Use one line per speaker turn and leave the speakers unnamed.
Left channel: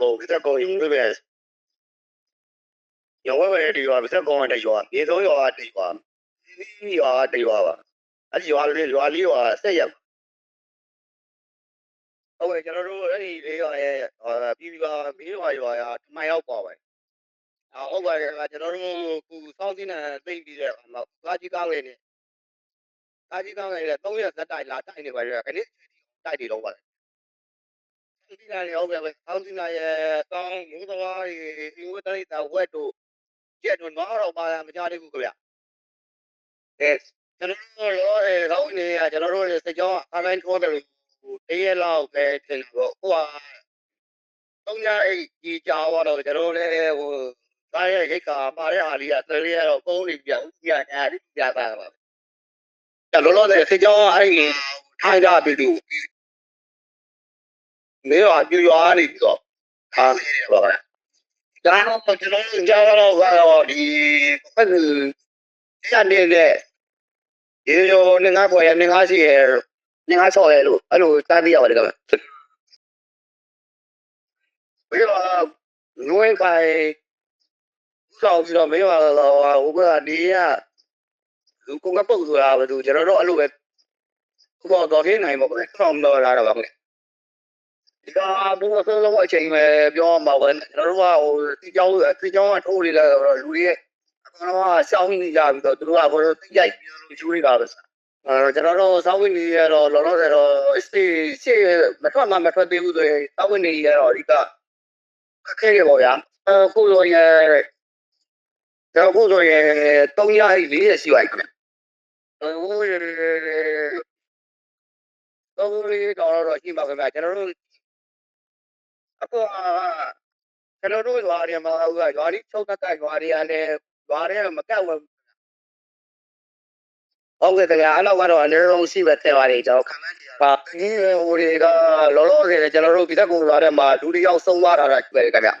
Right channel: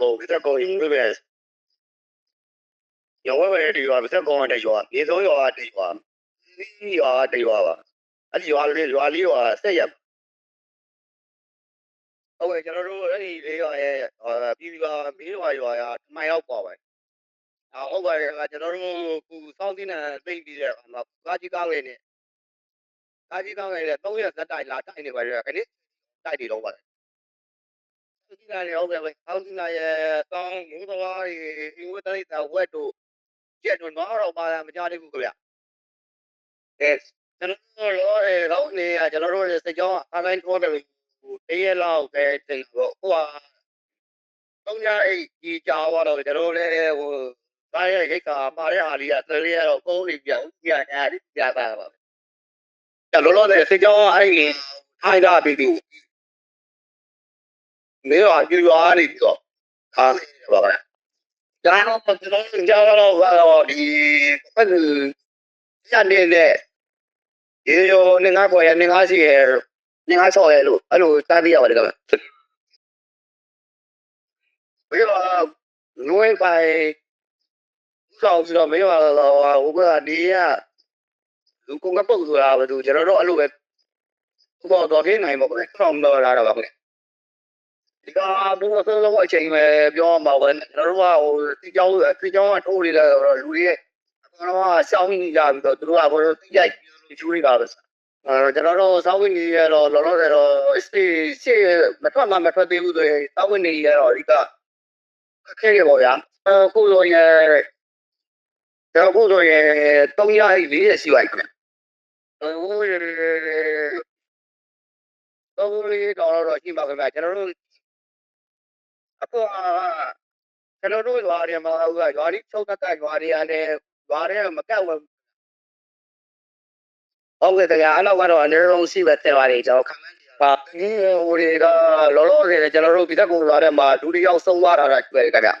ကိုကတက်ကိုယူလို့ပဲရောဝဲဒီရောကတက်ကိုတက်ရောမြေစိုးရောတက်ရောဒီရောတက်ရောပါအဲ့ဒီရောလေးရောလေးရောဆက်ရဟုတ်ကဲ့ကျွန်တော်တို့အဲ့ဒီလေးရောရဲ့ပြည်ပြည်ပါမင်းရောရောရတမရောက်ပါပါဟုတ်ပါတယ်ကျွန်တော်တို့ခုစောင်းစင်းနဲ့သိပြီးတဲ့အခါမှာကာကြီးကောင်းလေးနဲ့ကာကြီးကောင်းလေးနဲ့300ဇက်တိုက်လာတိုက်နေပါတယ်ခဏတိုက်နေတော့ပါတယ် ဒီကနေ့ဟုတ်ကဲ့ပဲစောင်းတင်းရဲ့တောင်းမူတော်ရဲ့အင်္ဂလိပ်တာဝက်တို့ကျက်တို့တော့တော့ပါမကြသေးဘူးခင်ဗျ။ Yes ကျွန်တော်တို့တော့အဲကောင်းနေရကျွန်တော်တို့စကြောင်းအတိုင်းထိုးတယ်အေးလောက်ပဲတင်တော့ဟိုဟာတုံးရအိတ်ကြီးကြောတော့ကျွန်တော်လည်းဟိုတိုင်းရဲ့ခိတ်ကပါတဲ့ဟာလေးကသရေတော့ပုံးနေပြပြညာလေးပြတာပါကျလောလောတဲ့စကြောင်းအဲ့ဒီထိုင်းတာပြီသူ မေရောပြရွာနေပြီးတော့ထားနေတယ်ပါလားဒါတော့ကျွန်တော်ကြားတော့ဟာဒီပတ်ရနေတဲ့ဒီလိုနေငါကိုရနေငါစီရနေငါဆော်ရလို့အဲ့လိုတားပြရပါတယ်ကွာမေရောငွေပိုင်ဆောက်ပြီးတော့မေရောဟိုကနေရလူကမပုတ်ဆိုတာဘာလို့ကျွန်တော်တို့အဲ့လိုပဲဘောတော်ရင်းနိုင်မှာပဲဆောင်းတော့လာတော့ပါပဲ ဒီကဘုရားဆုံးတော့အချိန်ပဲပြောမှာပဲကျွန်တော်တို့ကဟိုဒီကြောင်းဒီကြောင်းကထိုးနေလာတော့လူတွေအကောင်ကရှောင်းနေကြပြီးတော့သူတို့ကဘောတော့တိကျပြီးတော့ချူနေတာပဲအဲကျွန်တော်တို့စောင်းဝင်နေရတော့လောလောဆယ်တော့စီစီမထွက်မှမထွက်သေးဘူးဆိုရင်စောင်းဝင်နေရတော့ဒီကအခက်ရပေါ့ဗျာအခုလိုရဒါအခုလိုရ300လေးရစီလိုက်တယ်ဟိုရတော့လေးတော့ရှိပါခင်ဗျာကျွန်တော်တို့ အခုကျွန်တော်တို့ရွာတွေမှာဟိုကရွာလေးချုပ်တက်ရွာတွေကနေရွာတွေမကန့်ဘူးဟုတ်ကဲ့ခင်ဗျာအဲ့တော့ကတော့အနည်းဆုံးရှိပဲထဲပါတယ်ကျွန်တော်ခံမှန်းကြည့်တာဒီဟိုတွေကလောလောဆယ်ကျွန်တော်တို့ပြည်သက်ကူရွာထဲမှာလူတွေရောက်ဆုံးသွားတာတွေ့တယ်ခင်ဗျာ